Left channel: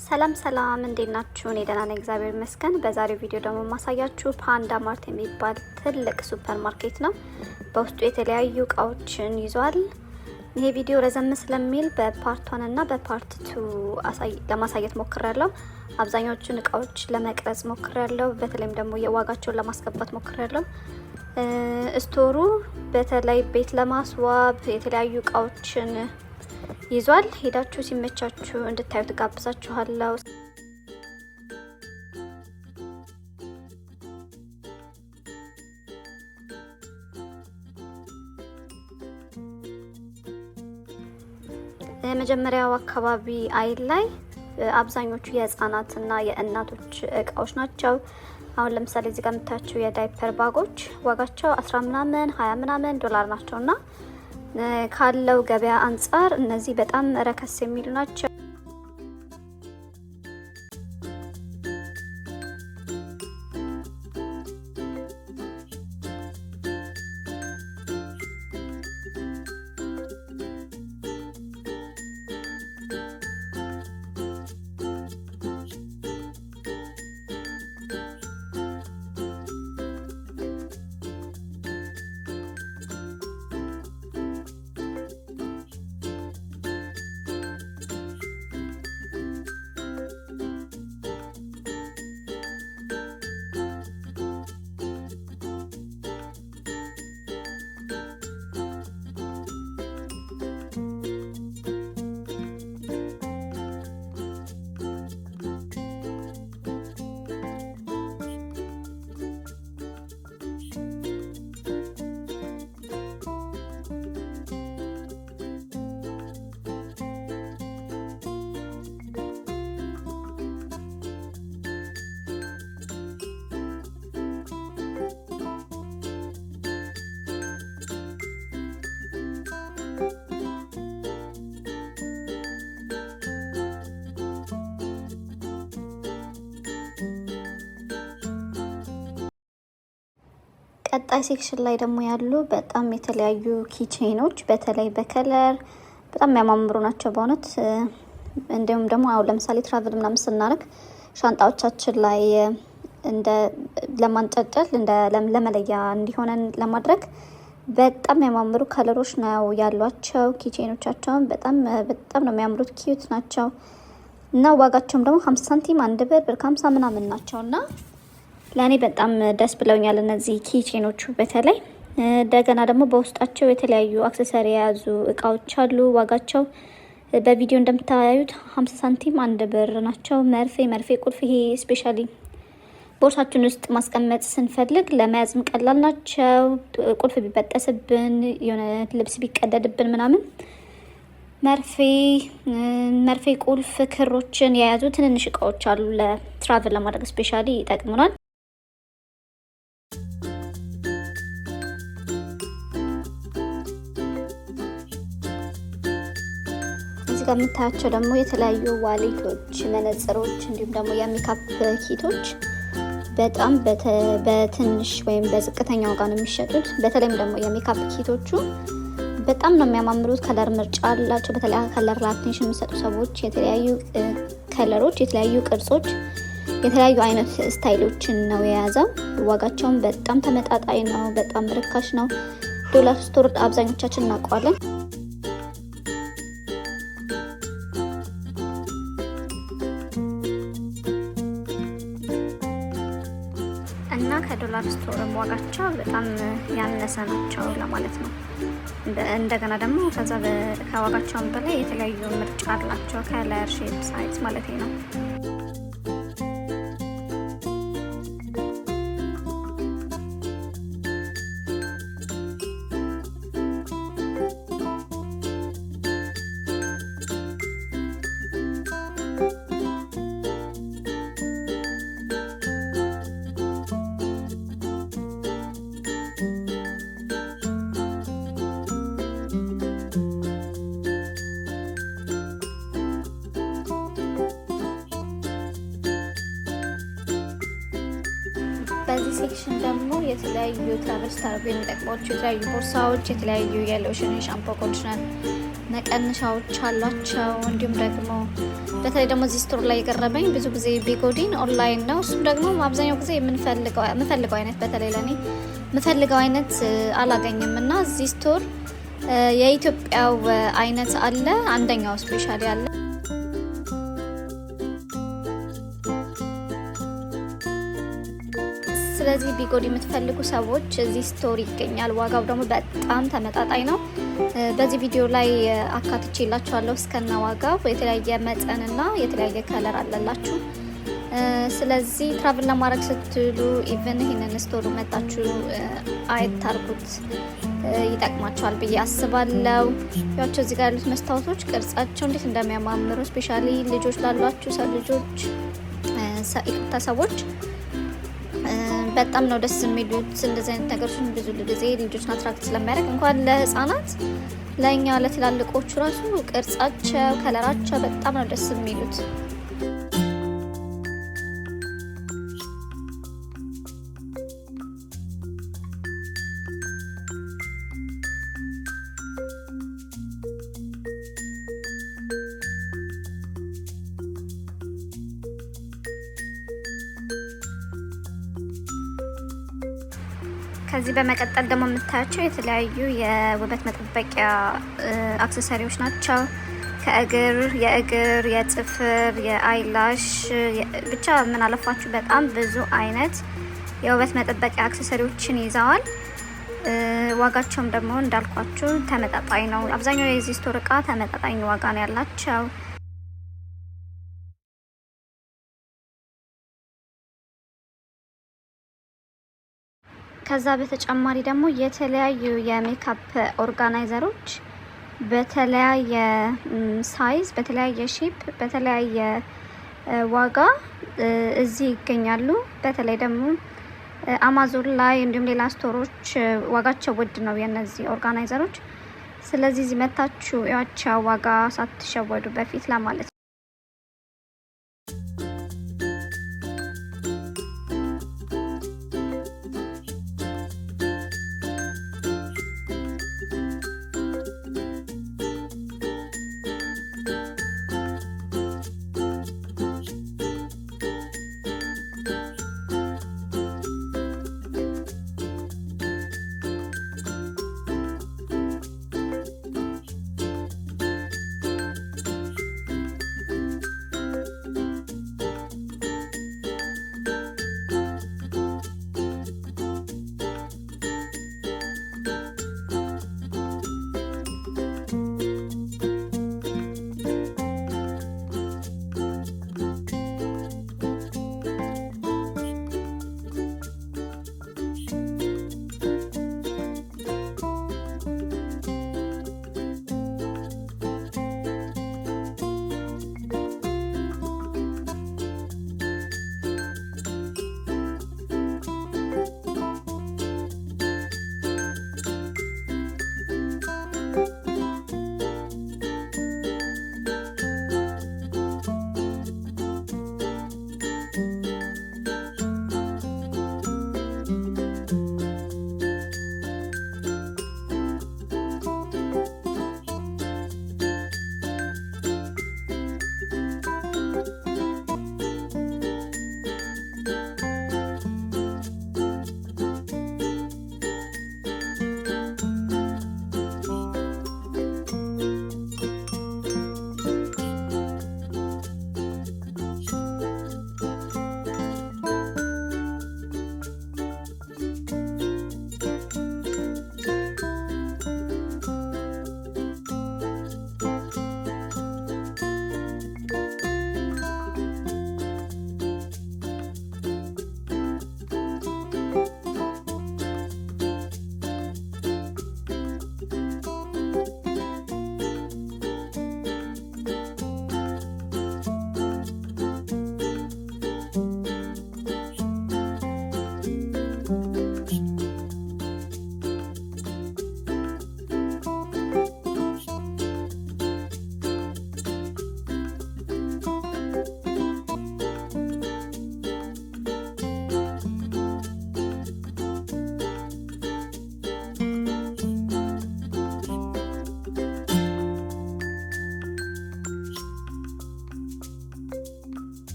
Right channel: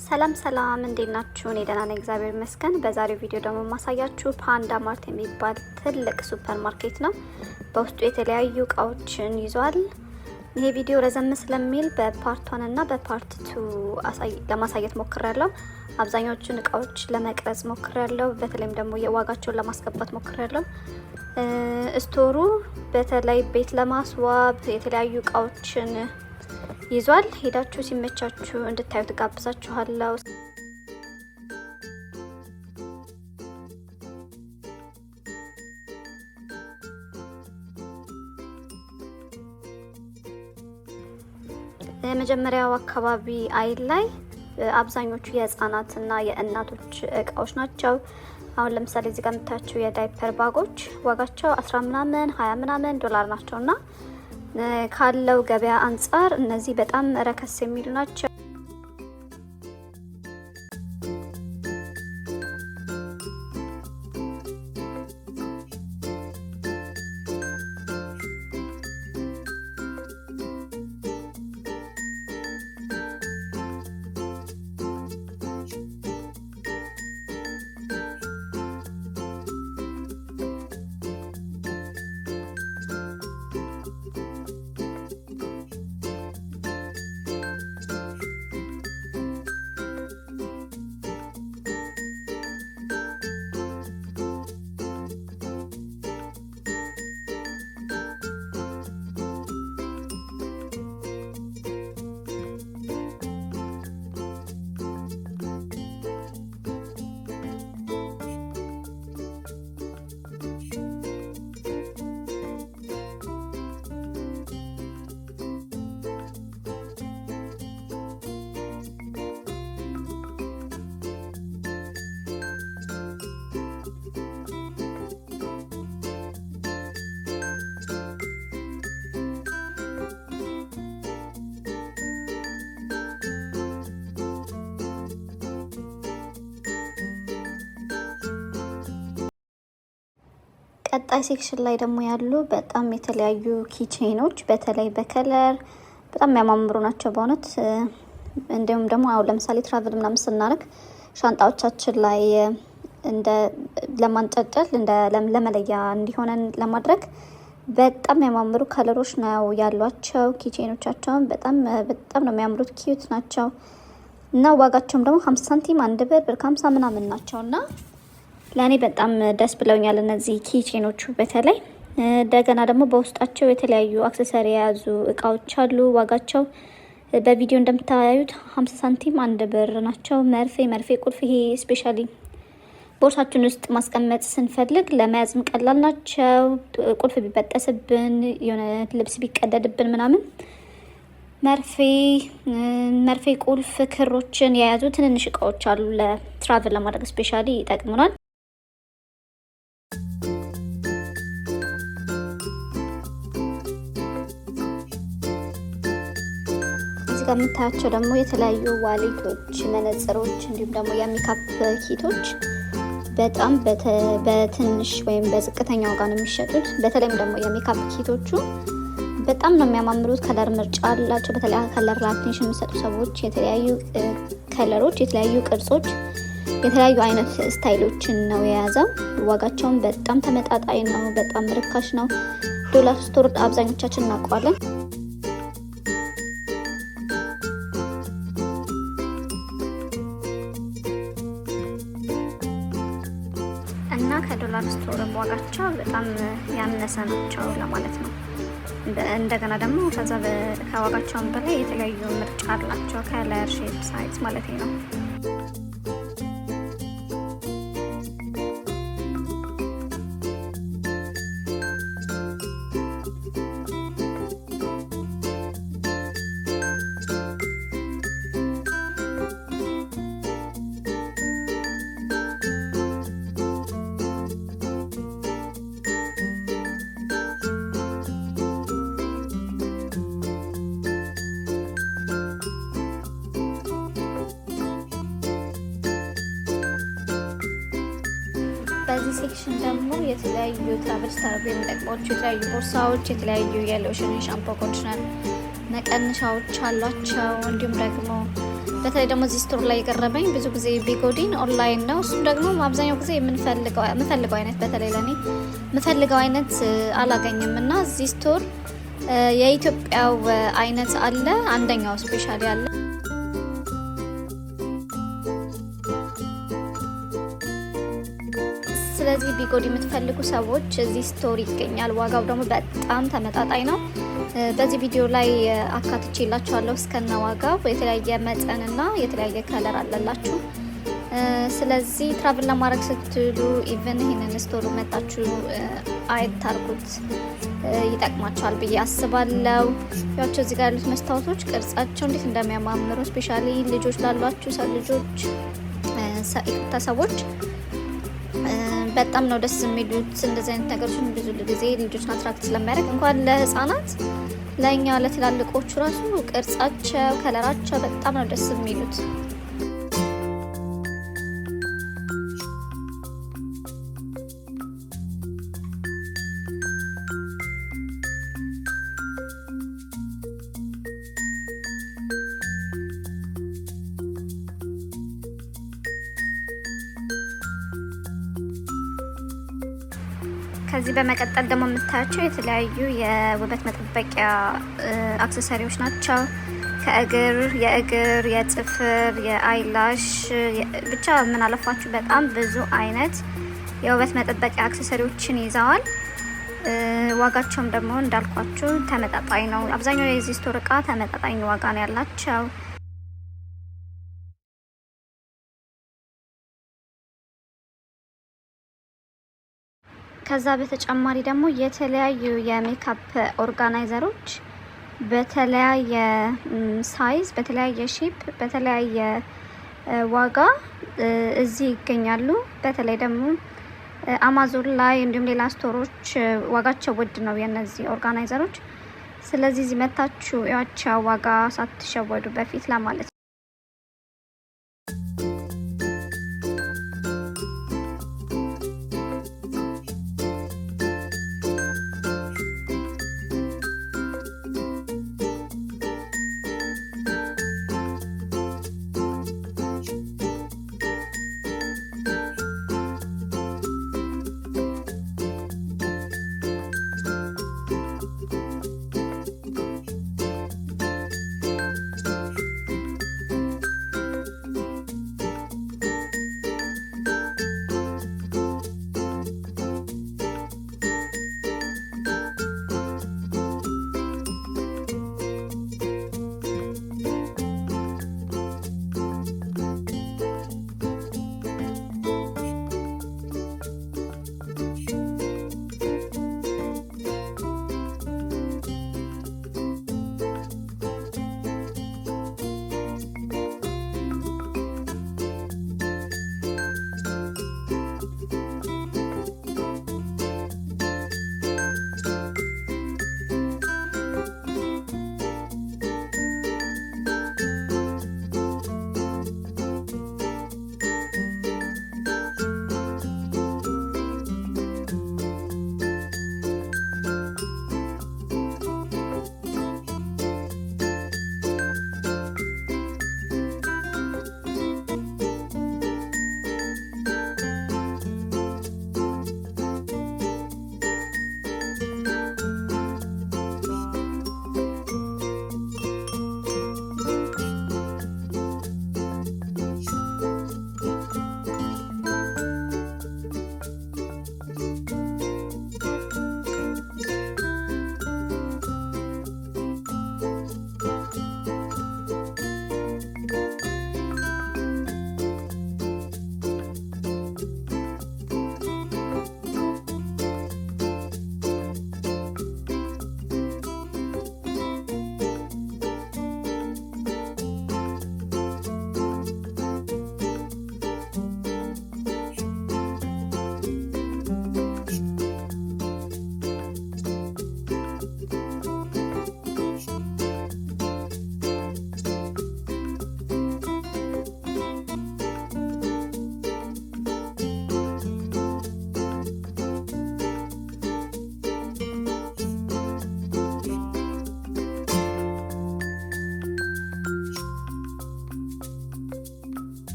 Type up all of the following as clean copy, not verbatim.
ሰላም ሰላም እንዴት ናችሁ? እኔ ደህና ነኝ እግዚአብሔር ይመስገን። በዛሬው ቪዲዮ ደግሞ ማሳያችሁ ፓንዳ ማርት የሚባል ትልቅ ሱፐር ማርኬት ነው። በውስጡ የተለያዩ እቃዎችን ይዟል። ይሄ ቪዲዮ ረዘም ስለሚል በፓርት 1 እና በፓርት 2 ለማሳየት ሞክሬያለሁ። አብዛኞቹን እቃዎች ለመቅረጽ ሞክሬያለሁ። በተለይም ደግሞ የዋጋቸውን ለማስገባት ሞክሬያለሁ። ስቶሩ በተለይ ቤት ለማስዋብ የተለያዩ እቃዎችን ይዟል። ሄዳችሁ ሲመቻችሁ እንድታዩት ጋብዛችኋለሁ። የመጀመሪያው አካባቢ አይል ላይ አብዛኞቹ የህፃናትና የእናቶች እቃዎች ናቸው። አሁን ለምሳሌ እዚህ ጋር የምታያቸው የዳይፐር ባጎች ዋጋቸው 10 ምናምን 20 ምናምን ዶላር ናቸውና ካለው ገበያ አንፃር እነዚህ በጣም ረከስ የሚሉ ናቸው። ቀጣይ ሴክሽን ላይ ደግሞ ያሉ በጣም የተለያዩ ኪቼኖች በተለይ በከለር በጣም የሚያማምሩ ናቸው በእውነት። እንዲሁም ደግሞ አሁን ለምሳሌ ትራቭል ምናምን ስናደርግ ሻንጣዎቻችን ላይ እንደ ለማንጠልጠል እንደ ለመለያ እንዲሆነን ለማድረግ በጣም የሚያማምሩ ከለሮች ነው ያሏቸው። ኪቼኖቻቸውን በጣም ነው የሚያምሩት፣ ኪዩት ናቸው እና ዋጋቸውም ደግሞ 50 ሳንቲም 1 ብር 50 ምናምን ናቸውና ለኔ በጣም ደስ ብለውኛል እነዚህ ኪቼኖቹ በተለይ። እንደገና ደግሞ በውስጣቸው የተለያዩ አክሰሰሪ የያዙ እቃዎች አሉ። ዋጋቸው በቪዲዮ እንደምታዩት 50 ሳንቲም 1 ብር ናቸው። መርፌ ቁልፍ፣ ይሄ ስፔሻሊ ቦርሳችን ውስጥ ማስቀመጥ ስንፈልግ ለመያዝም ቀላል ናቸው። ቁልፍ ቢበጠስብን የሆነ ልብስ ቢቀደድብን ምናምን መርፌ ቁልፍ፣ ክሮችን የያዙ ትንንሽ እቃዎች አሉ። ለትራቭል ለማድረግ ስፔሻሊ ይጠቅሙናል። እዚህ ጋር የምታያቸው ደግሞ የተለያዩ ዋሌቶች፣ መነጽሮች እንዲሁም ደግሞ የሜካፕ ኪቶች በጣም በትንሽ ወይም በዝቅተኛ ዋጋ ነው የሚሸጡት። በተለይም ደግሞ የሜካፕ ኪቶቹ በጣም ነው የሚያማምሩት። ከለር ምርጫ አላቸው። በተለይ ከለር ላቴንሽን የሚሰጡ ሰዎች የተለያዩ ከለሮች፣ የተለያዩ ቅርጾች፣ የተለያዩ አይነት ስታይሎችን ነው የያዘው። ዋጋቸውን በጣም ተመጣጣኝ ነው። በጣም ርካሽ ነው። ዶላር ስቶር አብዛኞቻችን እናውቀዋለን። እና ከዶላር ስቶርም ዋጋቸው በጣም ያነሰ ናቸው ለማለት ነው። እንደገና ደግሞ ከዋጋቸውም በላይ የተለያዩ ምርጫ አላቸው። ከለር፣ ሼፕ፣ ሳይዝ ማለት ነው። በዚህ ሴክሽን ደግሞ የተለያዩ ትራቨል ስታደርጉ የሚጠቅሟቸው የተለያዩ ቦርሳዎች፣ የተለያዩ የሎሽን፣ ሻምፖ፣ ኮንዲሽነር መቀነሻዎች አሏቸው። እንዲሁም ደግሞ በተለይ ደግሞ እዚህ ስቶር ላይ የቀረበኝ ብዙ ጊዜ ቢጎዲን ኦንላይን ነው። እሱም ደግሞ አብዛኛው ጊዜ የምፈልገው አይነት በተለይ ለኔ የምፈልገው አይነት አላገኝም እና እዚህ ስቶር የኢትዮጵያው አይነት አለ፣ አንደኛው ስፔሻሊ አለ። ስለዚህ ቢጎዲ የምትፈልጉ ሰዎች እዚህ ስቶር ይገኛል። ዋጋው ደግሞ በጣም ተመጣጣኝ ነው። በዚህ ቪዲዮ ላይ አካትቼላችኋለሁ እስከነ ዋጋው። የተለያየ መጠንና የተለያየ ከለር አለላችሁ። ስለዚህ ትራቭል ለማድረግ ስትሉ ኢቭን ይሄንን ስቶር መጣችሁ አይታርጉት፣ ይጠቅማቸዋል ብዬ አስባለሁ። ያቸው እዚህ ጋር ያሉት መስታወቶች ቅርጻቸው እንዴት እንደሚያማምሩ ስፔሻሊ ልጆች ላሏችሁ ልጆች ሰዎች በጣም ነው ደስ የሚሉት። እንደዚህ አይነት ነገሮች ብዙ ጊዜ ልጆችን አትራክት ስለሚያደርግ እንኳን ለህፃናት ለእኛ ለትላልቆቹ ራሱ ቅርጻቸው ከለራቸው በጣም ነው ደስ የሚሉት። ከዚህ በመቀጠል ደግሞ የምታያቸው የተለያዩ የውበት መጠበቂያ አክሰሰሪዎች ናቸው። የእግር፣ የጥፍር፣ የአይላሽ ብቻ ምን አለፋችሁ በጣም ብዙ አይነት የውበት መጠበቂያ አክሰሰሪዎችን ይዘዋል። ዋጋቸውም ደግሞ እንዳልኳችሁ ተመጣጣኝ ነው። አብዛኛው የዚህ ስቶር እቃ ተመጣጣኝ ዋጋ ነው ያላቸው። ከዛ በተጨማሪ ደግሞ የተለያዩ የሜካፕ ኦርጋናይዘሮች በተለያየ ሳይዝ፣ በተለያየ ሼፕ፣ በተለያየ ዋጋ እዚህ ይገኛሉ። በተለይ ደግሞ አማዞን ላይ እንዲሁም ሌላ ስቶሮች ዋጋቸው ውድ ነው የነዚህ ኦርጋናይዘሮች። ስለዚህ እዚህ መታችሁ ያቸው ዋጋ ሳትሸወዱ በፊት ለማለት ነው።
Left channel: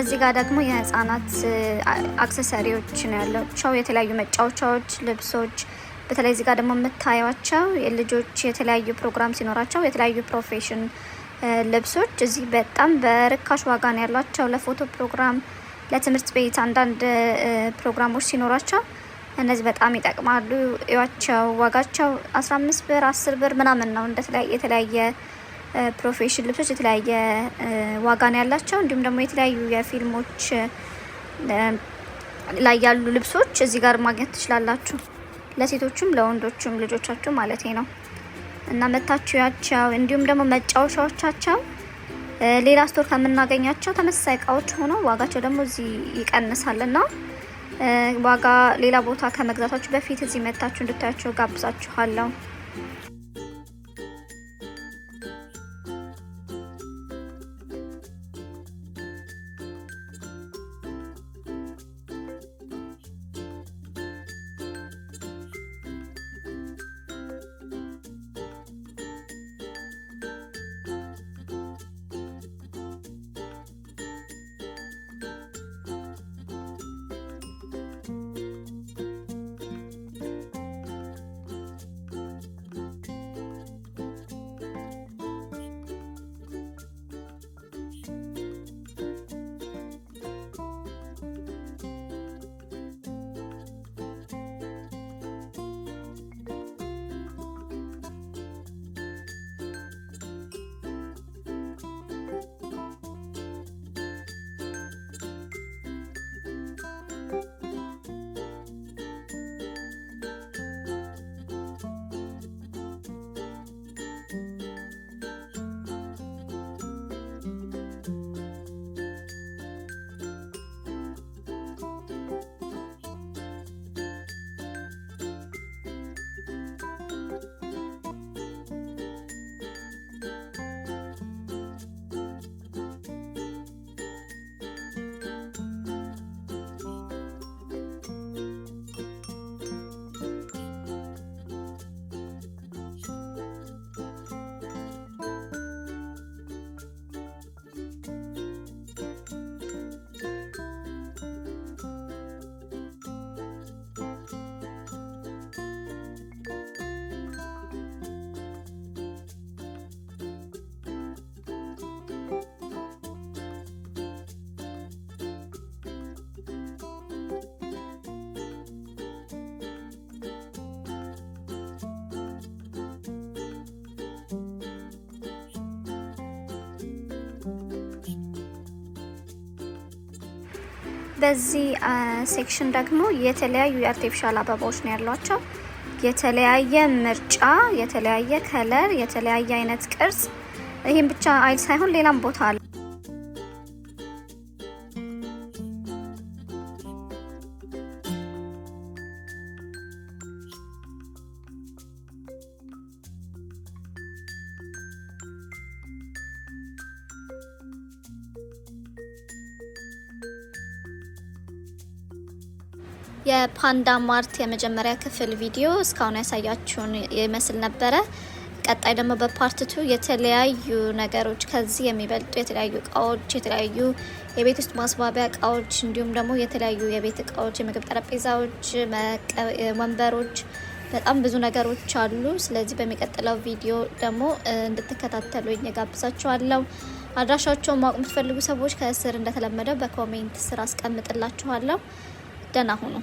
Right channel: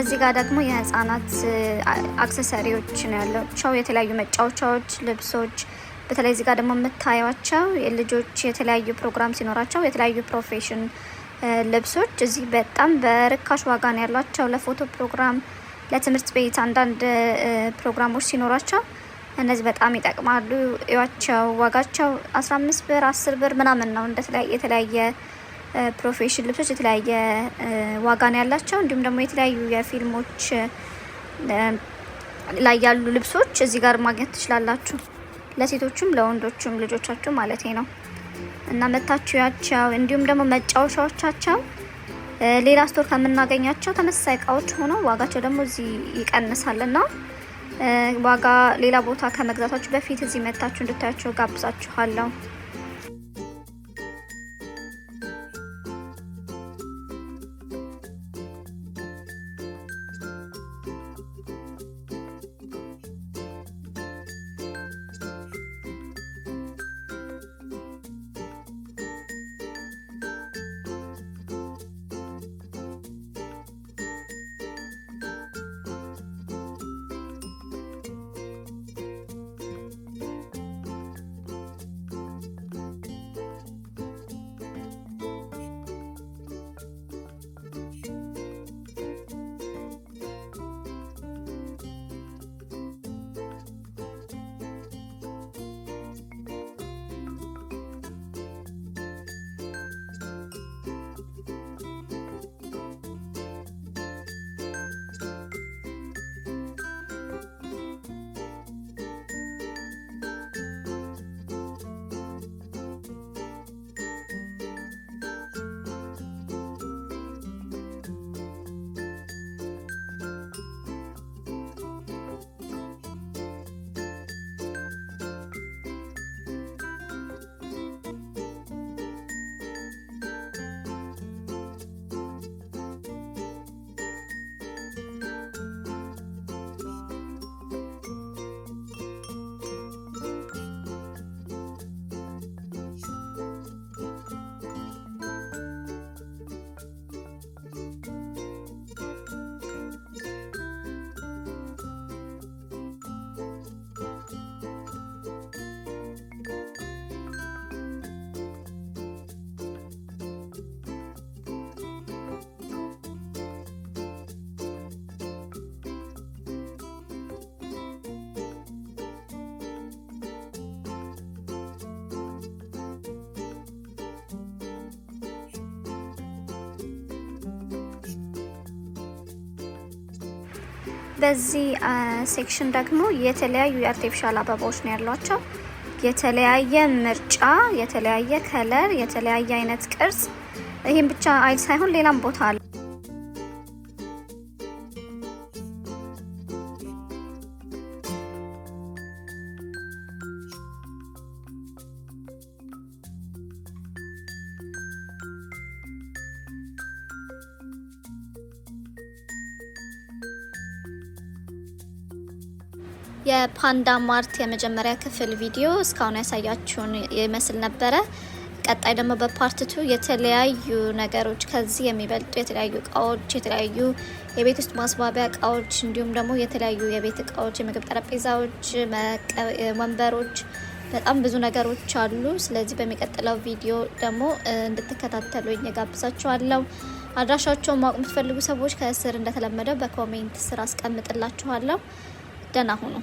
እዚህ ጋር ደግሞ የህፃናት አክሰሰሪዎች ነው ያላቸው። የተለያዩ መጫወቻዎች፣ ልብሶች። በተለይ እዚህ ጋር ደግሞ የምታዩቸው የልጆች የተለያዩ ፕሮግራም ሲኖራቸው የተለያዩ ፕሮፌሽን ልብሶች እዚህ በጣም በርካሽ ዋጋ ነው ያላቸው። ለፎቶ ፕሮግራም፣ ለትምህርት ቤት አንዳንድ ፕሮግራሞች ሲኖራቸው እነዚህ በጣም ይጠቅማሉ። እያቸው ዋጋቸው 15 ብር 10 ብር ምናምን ነው። የተለያየ ፕሮፌሽን ልብሶች የተለያየ ዋጋ ነው ያላቸው። እንዲሁም ደግሞ የተለያዩ የፊልሞች ላይ ያሉ ልብሶች እዚህ ጋር ማግኘት ትችላላችሁ። ለሴቶቹም ለወንዶቹም ልጆቻችሁ ማለት ነው። እና መታችሁ ያቸው እንዲሁም ደግሞ መጫወቻዎቻቸው ሌላ ስቶር ከምናገኛቸው ተመሳሳይ እቃዎች ሆኖ ዋጋቸው ደግሞ እዚህ ይቀንሳልና ዋጋ ሌላ ቦታ ከመግዛታችሁ በፊት እዚህ መታችሁ እንድታያቸው ጋብዛችኋለሁ። በዚህ ሴክሽን ደግሞ የተለያዩ የአርቲፊሻል አበባዎች ነው ያሏቸው። የተለያየ ምርጫ፣ የተለያየ ከለር፣ የተለያየ አይነት ቅርጽ። ይሄን ብቻ አይል ሳይሆን ሌላም ቦታ አለ። የፓንዳ ማርት የመጀመሪያ ክፍል ቪዲዮ እስካሁን ያሳያችሁን ይመስል ነበረ። ቀጣይ ደግሞ በፓርት 2 የተለያዩ ነገሮች ከዚህ የሚበልጡ የተለያዩ እቃዎች፣ የተለያዩ የቤት ውስጥ ማስዋቢያ እቃዎች እንዲሁም ደግሞ የተለያዩ የቤት እቃዎች፣ የምግብ ጠረጴዛዎች፣ ወንበሮች፣ በጣም ብዙ ነገሮች አሉ። ስለዚህ በሚቀጥለው ቪዲዮ ደግሞ እንድትከታተሉኝ ጋብዛችኋለሁ። አድራሻቸውን ማወቅ የምትፈልጉ ሰዎች ከስር እንደተለመደው በኮሜንት ስር አስቀምጥላችኋለሁ። ደህና ሁኑ።